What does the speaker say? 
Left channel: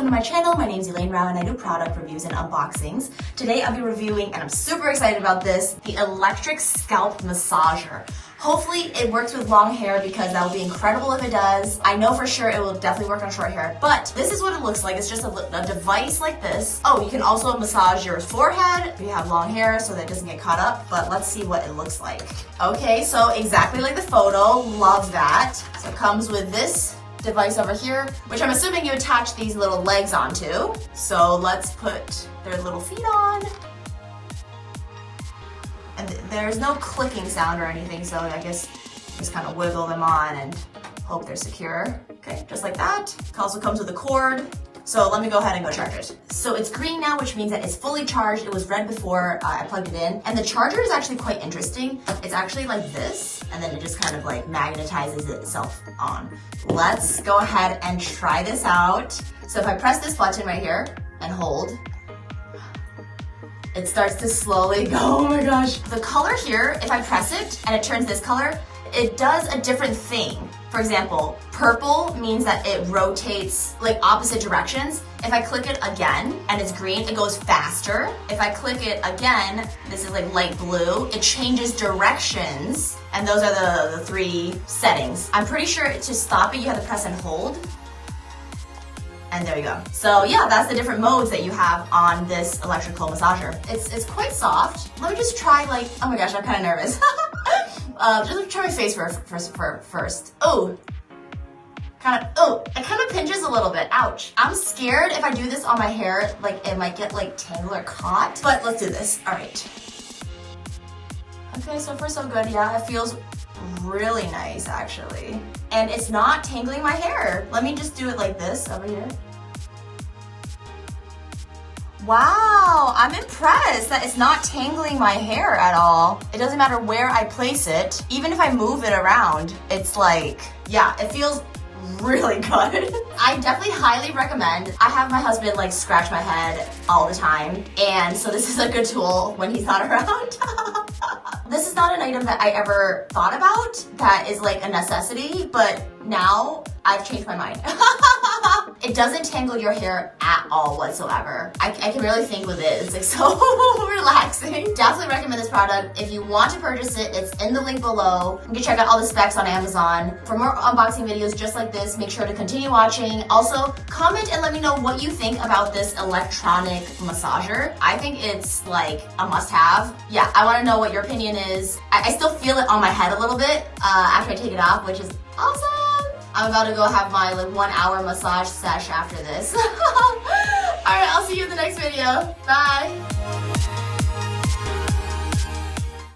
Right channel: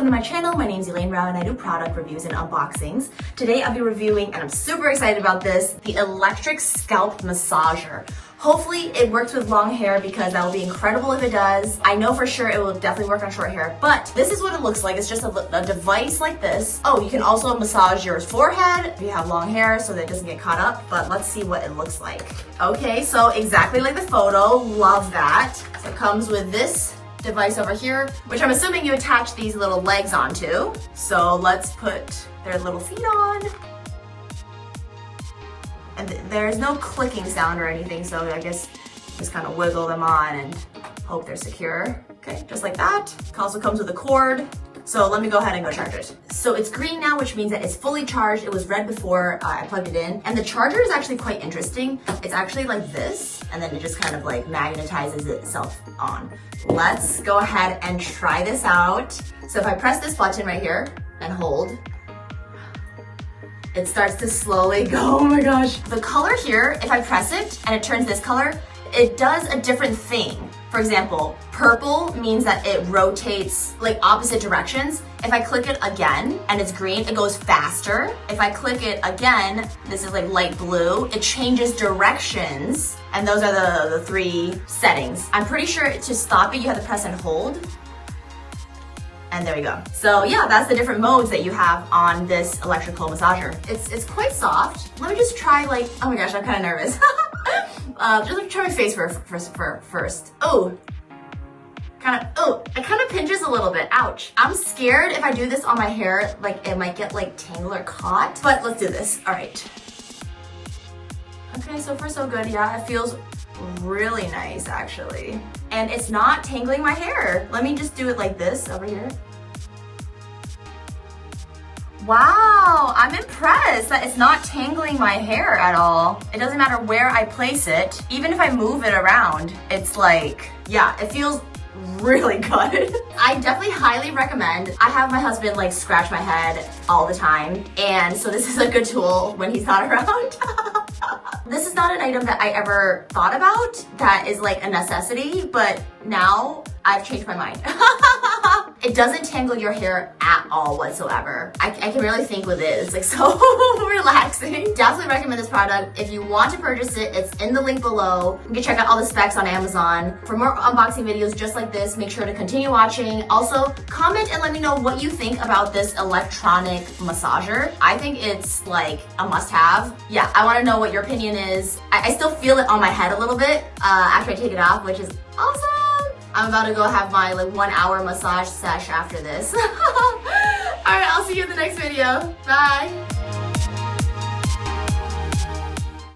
welcome to my channel. My name is Elaine Rau and I do product reviews and unboxings. Today I'll be reviewing, and I'm super excited about this, the electric scalp massager. Hopefully it works with long hair because that will be incredible if it does. I know for sure it will definitely work on short hair, but this is what it looks like. It's just a device like this. Oh, you can also massage your forehead if you have long hair so that it doesn't get caught up, but let's see what it looks like. Okay, so exactly like the photo, love that. So it comes with this device over here, which I'm assuming you attach these little legs onto. So let's put their little feet on. And there's no clicking sound or anything, so I guess just kind of wiggle them on and hope they're secure. Okay, just like that. It also comes with a cord. So let me go ahead and go charge it. So it's green now, which means that it's fully charged. It was red before I plugged it in. And the charger is actually quite interesting. It's actually like this, and then it just kind of like magnetizes itself on. Let's go ahead and try this out. So if I press this button right here and hold, it starts to slowly go. Oh my gosh. The color here, if I press it and it turns this color, it does a different thing. For example, purple means that it rotates like opposite directions. If I click it again and it's green, it goes faster. If I click it again, this is like light blue, it changes directions. And those are the three settings. I'm pretty sure to stop it, you have to press and hold. And there we go. So yeah, that's the different modes that you have on this electrical massager. It's quite soft. Let me just try like, oh my gosh, I'm kind of nervous. Just try my face first. Oh, it kind of pinches a little bit. Ouch. I'm scared if I do this on my hair, like it might get like tangled or caught, but let's do this. All right. Okay, so far so good. Yeah, it feels really nice actually. And it's not tangling my hair. Let me just do it like this over here. Wow, I'm impressed that it's not tangling my hair at all. It doesn't matter where I place it. Even if I move it around, it's like, yeah, it feels really good. I definitely highly recommend. I have my husband like scratch my head all the time, and so this is a good tool when he's not around. This is not an item that I ever thought about that is like a necessity, but now I've changed my mind. It doesn't tangle your hair at all whatsoever. I can really think with it. It's like so relaxing. Definitely recommend this product. If you want to purchase it, it's in the link below. You can check out all the specs on Amazon. For more unboxing videos just like this, make sure to continue watching. Also, comment and let me know what you think about this electronic massager. I think it's like a must-have. Yeah, I want to know what your opinion is. I still feel it on my head a little bit after I take it off, which is awesome. I'm about to go have my like 1 hour massage sesh after this. All right, I'll see you in the next video. Bye.